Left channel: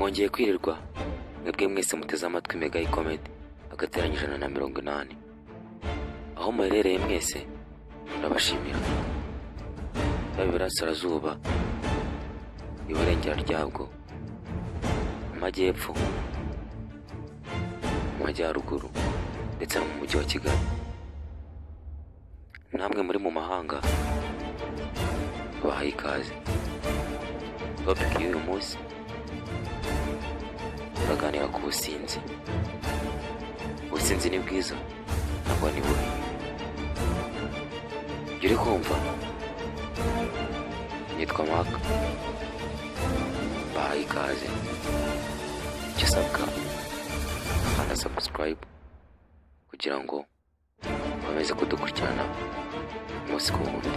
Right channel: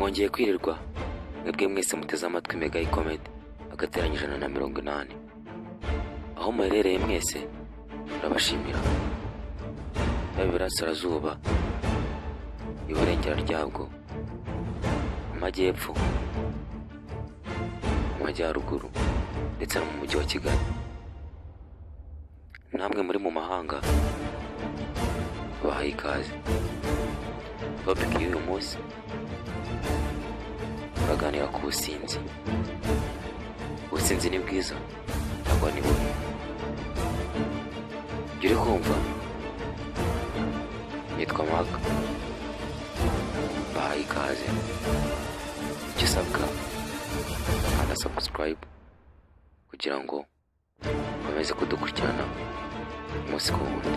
mwongeye kwirirwa mwebwe mwese muteze amatwi Mega Comedy agateranyije na 180. Aho muherereye mwese turabashimira. Iburasirazuba, iburengera ryabwo, amajyepfo, amajyaruguru ndetse no mu mujyi wa Kigali. Namwe muri mu mahanga bahaye ikaze. Topic y'uyu munsi turaganira ku businzi. Ubusinzi ni bwiza ntabwo ni bubi. Uri kumva? Nitwa Mark. Bahaye ikaze. Icyo usabwa kanda subscribe kugira ngo ukomeze kudukurikirana umunsi ku wundi.